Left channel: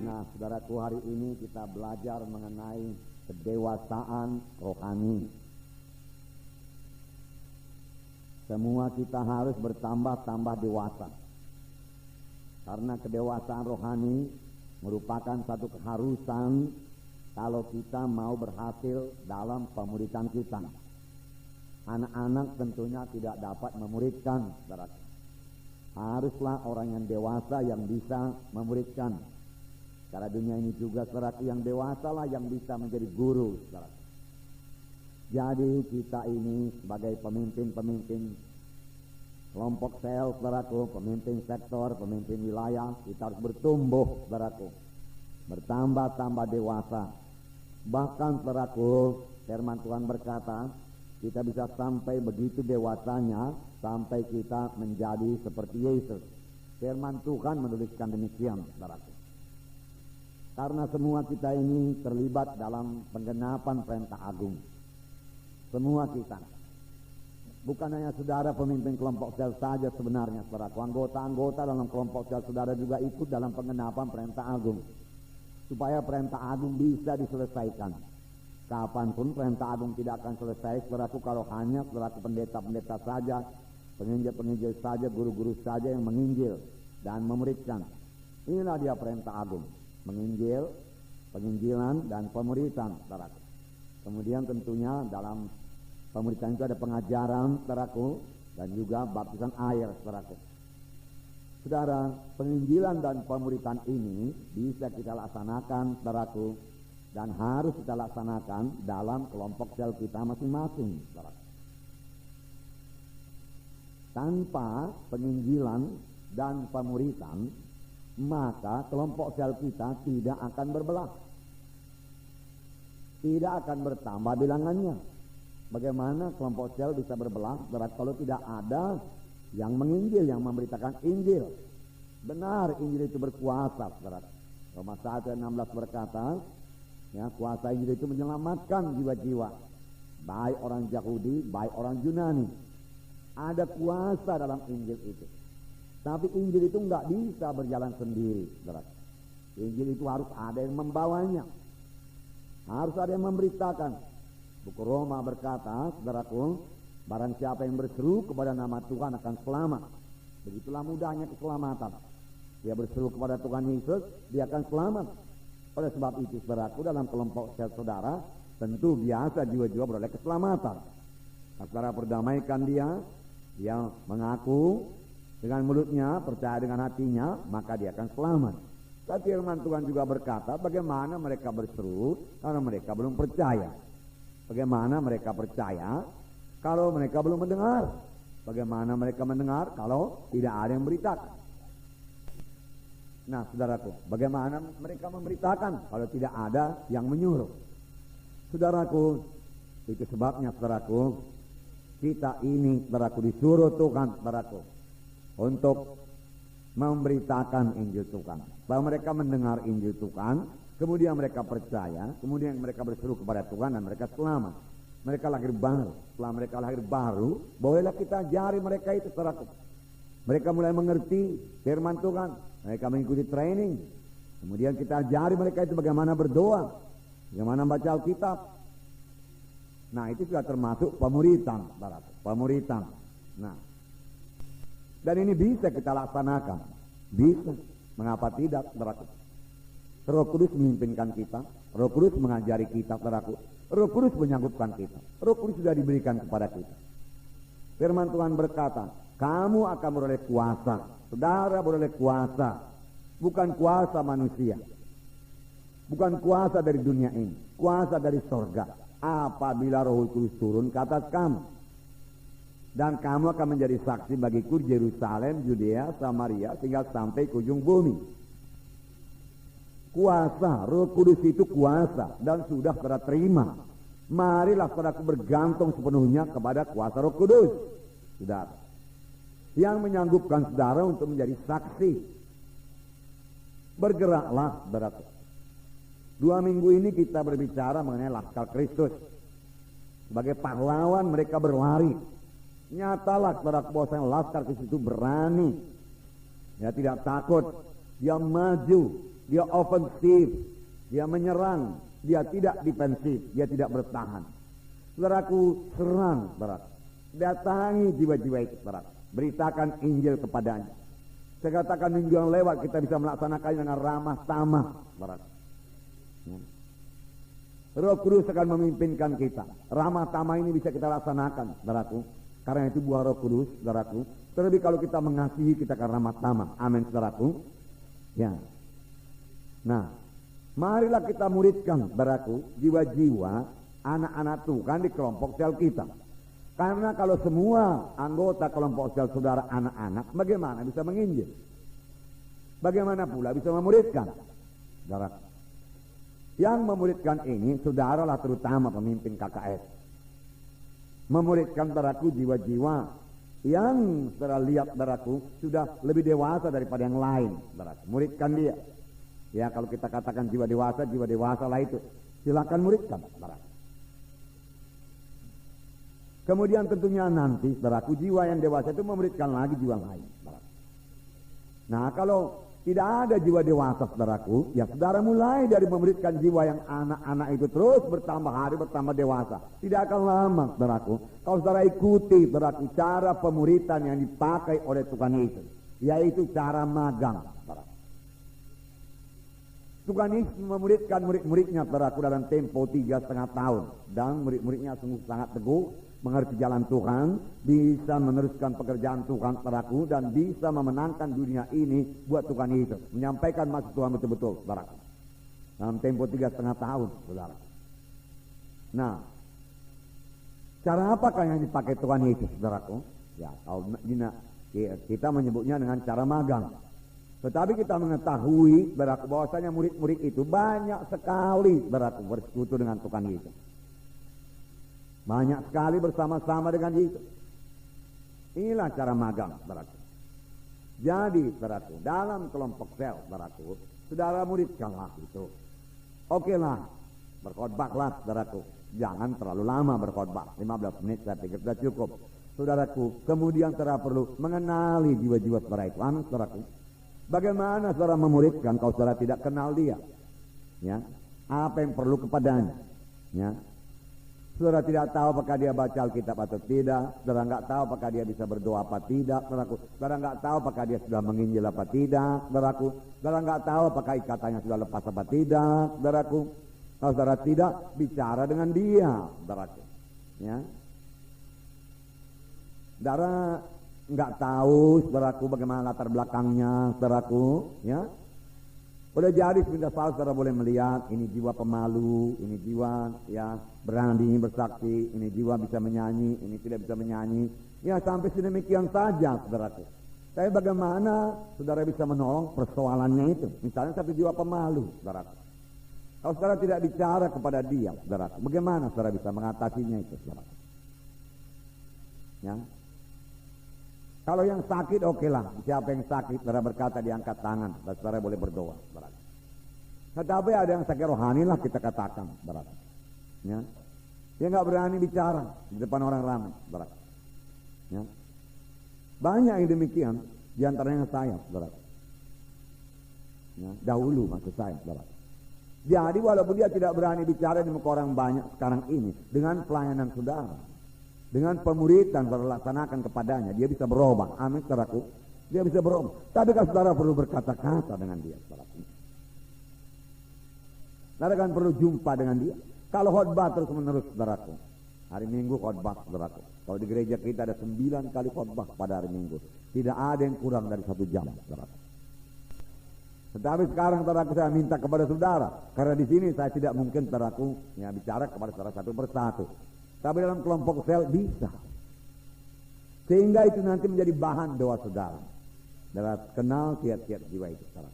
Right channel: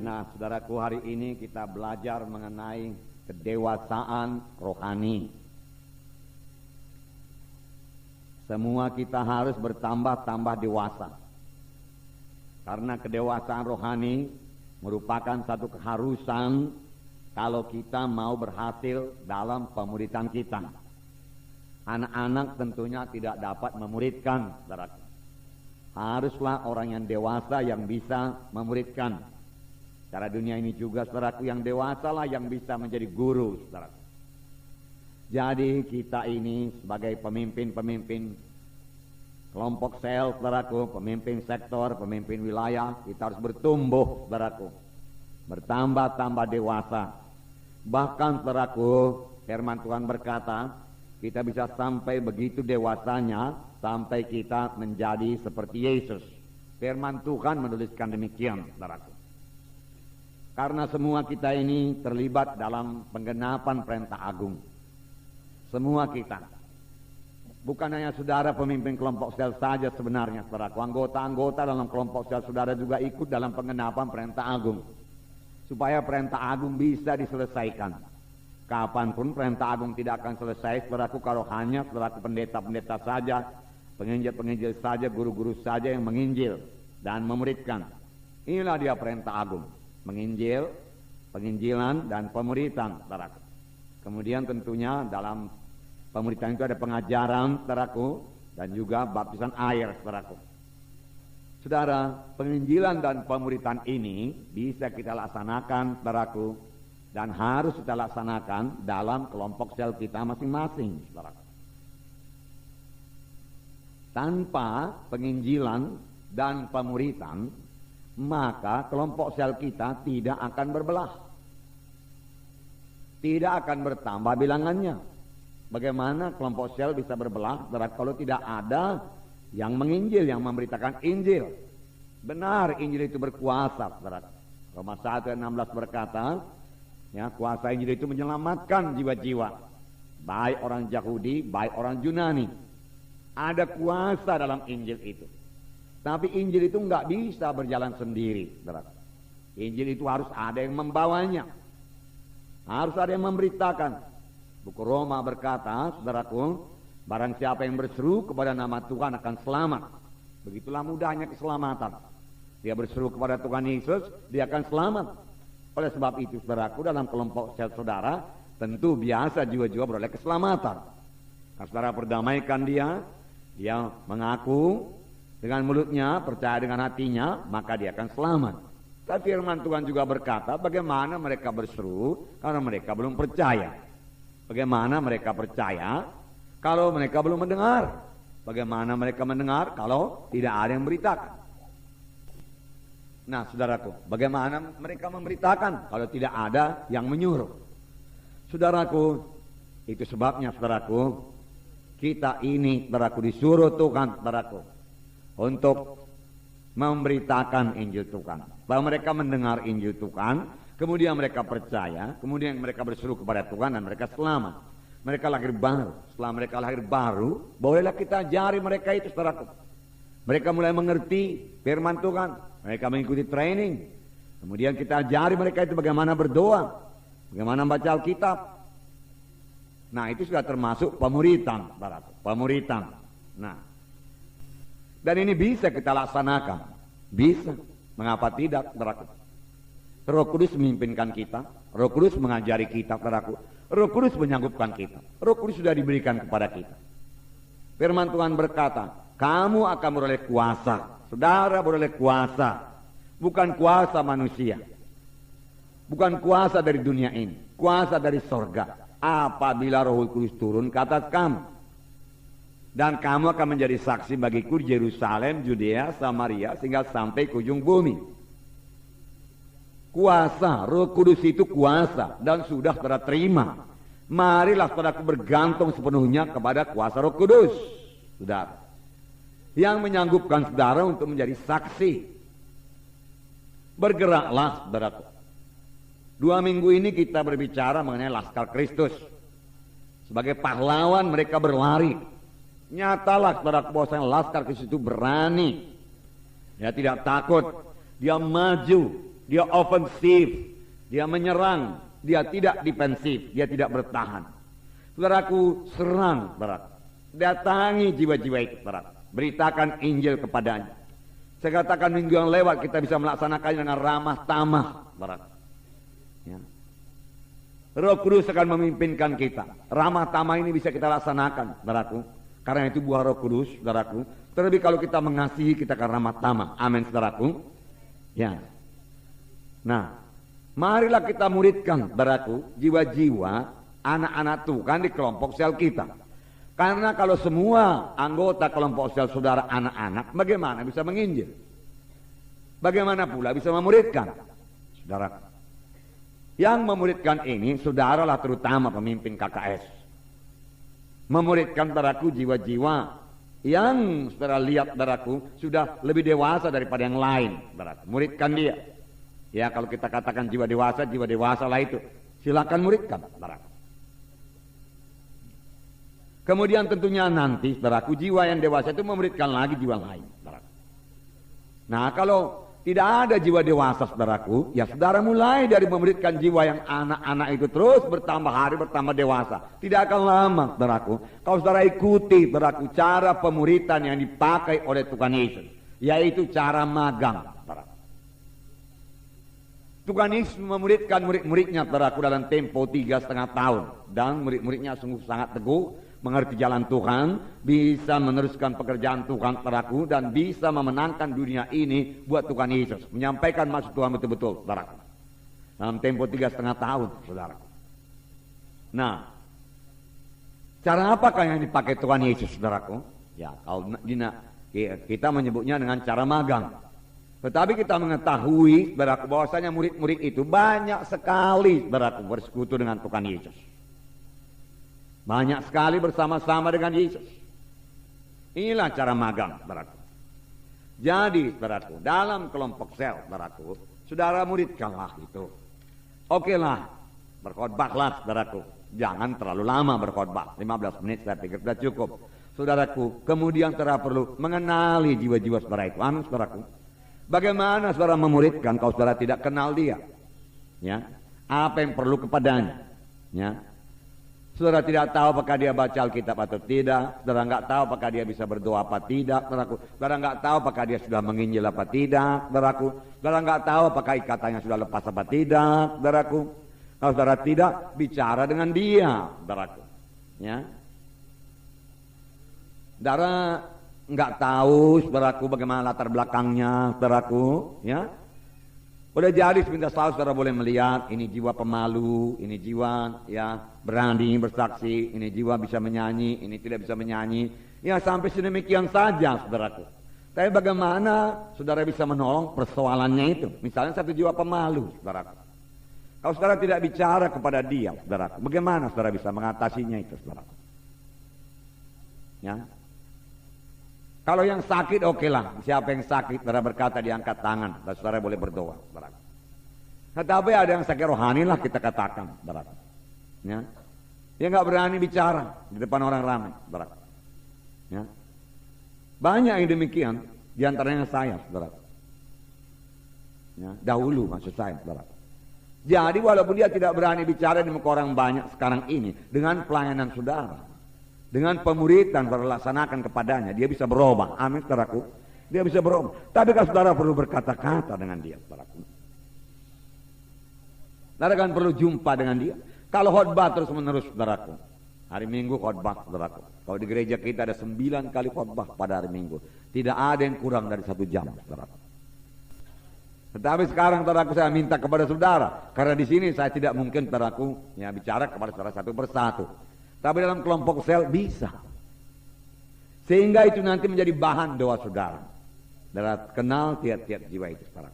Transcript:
Nah, saudaraku, hari ini kita belajar mengenai kedewasaan rohani. Semua kita harus bertambah-tambah dewasa. Karena kedewasaan rohani merupakan satu keharusan kalau kita mau berhasil dalam pemuridan kita. Anak-anak tentunya tidak dapat memuridkan, saudaraku. Haruslah orang yang dewasa yang bisa memuridkan. Cara dunia ini juga, saudaraku, yang dewasa lah yang bisa menjadi guru, saudaraku. Jadi kita ini sebagai pemimpin-pemimpin kelompok sel, saudaraku, pemimpin sektor, pemimpin wilayah, kita harus bertumbuh, saudaraku, bertambah-tambah dewasa. Bahkan, saudaraku, firman Tuhan berkata, kita bisa sampai begitu dewasanya sampai kita menjadi seperti Yesus. Firman Tuhan menuliskan demikian, saudaraku. Karena semua kita ini terlibat dalam penggenapan perintah agung. Semua kita. Bukan hanya saudara pemimpin kelompok sel saja sebenarnya, saudaraku. Anggota-anggota dalam kelompok sel saudara juga ikut dalam penggenapan perintah agung. Supaya perintah agung bisa diselesaikan. Kapanpun perintah agung tidak akan selesai, saudaraku, kalau hanya saudaraku pendeta-pendeta saja, penginjil-penginjil saja, guru-guru saja yang menginjil dan memuridkan. Inilah dia perintah agung. Menginjil, penginjilan, dan pemuritan, saudaraku. Kemudian tentunya dalam pemuritan itu ada pengajaran, saudaraku, dan juga baptisan air, saudaraku. Saudara, penginjilan dan pemuritan ini bisa kita laksanakan, saudaraku, dan harus kita laksanakan dalam kelompok sel kita masing-masing, saudaraku. Tanpa penginjilan dan pemuritan, maka kelompok sel kita tidak akan berbelah, tidak akan bertambah bilangannya. Bagaimana kelompok sel bisa berbelah kalau tidak ada yang menginjil, yang memberitakan Injil? Benar, Injil itu berkuasa, saudara. Roma 1:16 berkata, ya, kuasa Injil itu menyelamatkan jiwa-jiwa, baik orang Yahudi, baik orang Yunani. Ada kuasa dalam Injil itu. Tapi Injil itu nggak bisa berjalan sendiri, saudara. Injil itu harus ada yang membawanya, harus ada yang memberitakan. Buku Roma berkata, saudaraku, barang siapa yang berseru kepada nama Tuhan akan selamat. Begitulah mudahnya keselamatan. Dia berseru kepada Tuhan Yesus, dia akan selamat. Oleh sebab itu, saudaraku, dalam kelompok sel saudara, tentu biasa jiwa-jiwa beroleh keselamatan. Nah, saudara perdamaikan dia mengaku dengan mulutnya, percaya dengan hatinya, maka dia akan selamat. Tapi firman Tuhan juga berkata, bagaimana mereka berseru karena mereka belum percaya. Bagaimana mereka percaya kalau mereka belum mendengar? Bagaimana mereka mendengar kalau tidak ada yang beritakan? Nah, saudaraku, bagaimana mereka memberitakan kalau tidak ada yang menyuruh? Saudaraku, itu sebabnya, saudaraku, kita ini, saudaraku, disuruh Tuhan, saudaraku, untuk memberitakan Injil Tuhan. Bahwa mereka mendengar Injil Tuhan, kemudian mereka percaya, kemudian mereka berseru kepada Tuhan dan mereka selamat. Mereka lahir baru. Setelah mereka lahir baru, bolehlah kita ajari mereka itu, saudaraku. Mereka mulai mengerti firman Tuhan, mereka mengikuti training. Kemudian kita ajari mereka itu bagaimana berdoa, bagaimana membaca Alkitab. Nah, itu sudah termasuk pemuritan, saudaraku. Pemuritan. Nah, dan ini bisa kita laksanakan. Bisa. Mengapa tidak, saudaraku? Roh Kudus memimpinkan kita. Roh Kudus mengajari kita, saudaraku. Roh Kudus menyanggupkan kita. Roh Kudus sudah diberikan kepada kita. Firman Tuhan berkata, kamu akan beroleh kuasa. Saudara beroleh kuasa. Bukan kuasa manusia. Bukan kuasa dari dunia ini. Kuasa dari sorga. Apabila Roh Kudus turun ke atas kamu. Dan kamu akan menjadi saksi bagiku di Yerusalem, Judea, Samaria, sehingga sampai ke ujung bumi. Kuasa, Roh Kudus itu kuasa, dan sudah saudara terima. Marilah saudaraku bergantung sepenuhnya kepada kuasa Roh Kudus, saudara, yang menyanggupkan saudara untuk menjadi saksi. Bergeraklah, saudaraku. 2 minggu ini kita berbicara mengenai Laskar Kristus. Sebagai pahlawan mereka berlari. Nyatalah, saudaraku, bahwa Laskar Kristus itu berani. Ya, tidak takut. Dia maju dia ofensif, dia menyerang, dia tidak defensif, dia tidak bertahan. Saudaraku, serang, saudara. Datangi jiwa-jiwa itu, saudara. Beritakan Injil kepadanya. Saya katakan minggu yang lewat kita bisa melaksanakannya dengan ramah tamah, saudara. Ya. Roh Kudus akan memimpinkan kita. Ramah tamah ini bisa kita laksanakan, saudaraku. Karena itu buah Roh Kudus, saudaraku. Terlebih kalau kita mengasihi, kita akan ramah tamah. Amin, saudaraku. Ya. Nah, marilah kita muridkan, saudaraku, jiwa-jiwa anak-anak Tuhan di kelompok sel kita. Karena kalau semua anggota kelompok sel saudara anak-anak, bagaimana bisa menginjil? Bagaimana pula bisa memuridkan? Saudaraku. Yang memuridkan ini, saudaralah terutama pemimpin KKS. Memuridkan, saudaraku, jiwa-jiwa yang saudara lihat, saudaraku, sudah lebih dewasa daripada yang lain, saudaraku. Muridkan dia. Ya, kalau kita katakan jiwa dewasa lah itu. Silakan muridkan, saudaraku. Kemudian tentunya nanti, saudaraku, jiwa yang dewasa itu memuridkan lagi jiwa lain, saudaraku. Nah, kalau tidak ada jiwa dewasa, saudaraku, ya saudara mulai dari memuridkan jiwa yang anak-anak itu terus bertambah hari bertambah dewasa. Tidak akan lama, saudaraku, kalau saudara ikuti, saudaraku, cara pemuridan yang dipakai oleh Tuhan Yesus, yaitu cara magang, saudaraku. Tuhan Yesus memuridkan murid-muridnya, saudaraku, dalam tempo 3,5 tahun, dan murid-muridnya sungguh sangat teguh, mengerti jalan Tuhan, bisa meneruskan pekerjaan Tuhan, saudaraku, dan bisa memenangkan dunia ini buat Tuhan Yesus, menyampaikan maksud Tuhan betul-betul, saudaraku, dalam tempo 3,5 tahun, saudaraku. Nah, cara apakah yang dipakai Tuhan Yesus, saudaraku? Ya, kalau kita menyebutnya dengan cara magang. Tetapi kita mengetahui, saudaraku, bahwasanya murid-murid itu banyak sekali, saudaraku, bersekutu dengan Tuhan Yesus. Banyak sekali bersama-sama dengan Yesus. Inilah cara magang, saudaraku. Jadi, saudaraku, dalam kelompok sel, saudaraku, saudara muridkanlah itu. Oke lah, berkhotbahlah, saudaraku. Jangan terlalu lama berkhotbah, 15 menit saya pikir sudah cukup. Saudaraku, kemudian saudara perlu mengenali jiwa-jiwa saudara itu. Amin, saudaraku. Bagaimana saudara memuridkan kalau saudara tidak kenal dia? Ya, apa yang perlu kepadanya? Ya. Saudara tidak tahu apakah dia baca Alkitab atau tidak. Saudara nggak tahu apakah dia bisa berdoa apa tidak, saudaraku. Saudara nggak tahu apakah dia sudah menginjil apa tidak, saudaraku. Saudara nggak tahu apakah ikatannya sudah lepas apa tidak, saudaraku. Kalau saudara tidak, bicara dengan dia, saudaraku. Ya. Saudara nggak tahu, saudaraku, bagaimana latar belakangnya, saudaraku. Ya. Udah jadi sebentar selalu saudara boleh melihat ini jiwa pemalu, ini jiwa ya berani bersaksi, ini jiwa bisa menyanyi, ini tidak bisa menyanyi. Ya sampai sedemikian saja, saudaraku. Tapi bagaimana saudara bisa menolong persoalannya itu? Misalnya satu jiwa pemalu, saudaraku. Kalau saudara tidak bicara kepada dia, saudaraku, bagaimana saudara bisa mengatasinya itu, saudaraku? Ya. Kalau yang sakit oke lah, siapa yang sakit saudara berkata diangkat tangan, dan saudara boleh berdoa, saudara. Tetapi ada yang sakit rohani lah kita katakan, saudara. Ya, dia nggak berani bicara di depan orang ramai, saudara. Ya, banyak yang demikian, diantaranya saya, saudara. Ya, dahulu maksud saya, saudara. Jadi walaupun dia tidak berani bicara di muka orang banyak sekarang ini, dengan pelayanan saudara, dengan pemuridan saudara laksanakan kepadanya, dia bisa berubah. Amin, saudaraku. Dia bisa berubah. Tapi kalau saudara perlu berkata-kata dengan dia, saudaraku. Saudara kan perlu jumpa dengan dia. Kalau khotbah terus menerus, saudaraku. Hari Minggu khotbah, saudaraku. Kalau di gereja kita ada 9 kali khotbah pada hari Minggu. Tidak ada yang kurang dari 1 jam, saudaraku. Tetapi sekarang, saudaraku, saya minta kepada saudara, karena di sini saya tidak mungkin, saudaraku, ya bicara kepada saudara satu persatu. Tapi dalam kelompok sel bisa. Sehingga itu nanti menjadi bahan doa saudara. Saudara kenal tiap-tiap jiwa itu, saudara.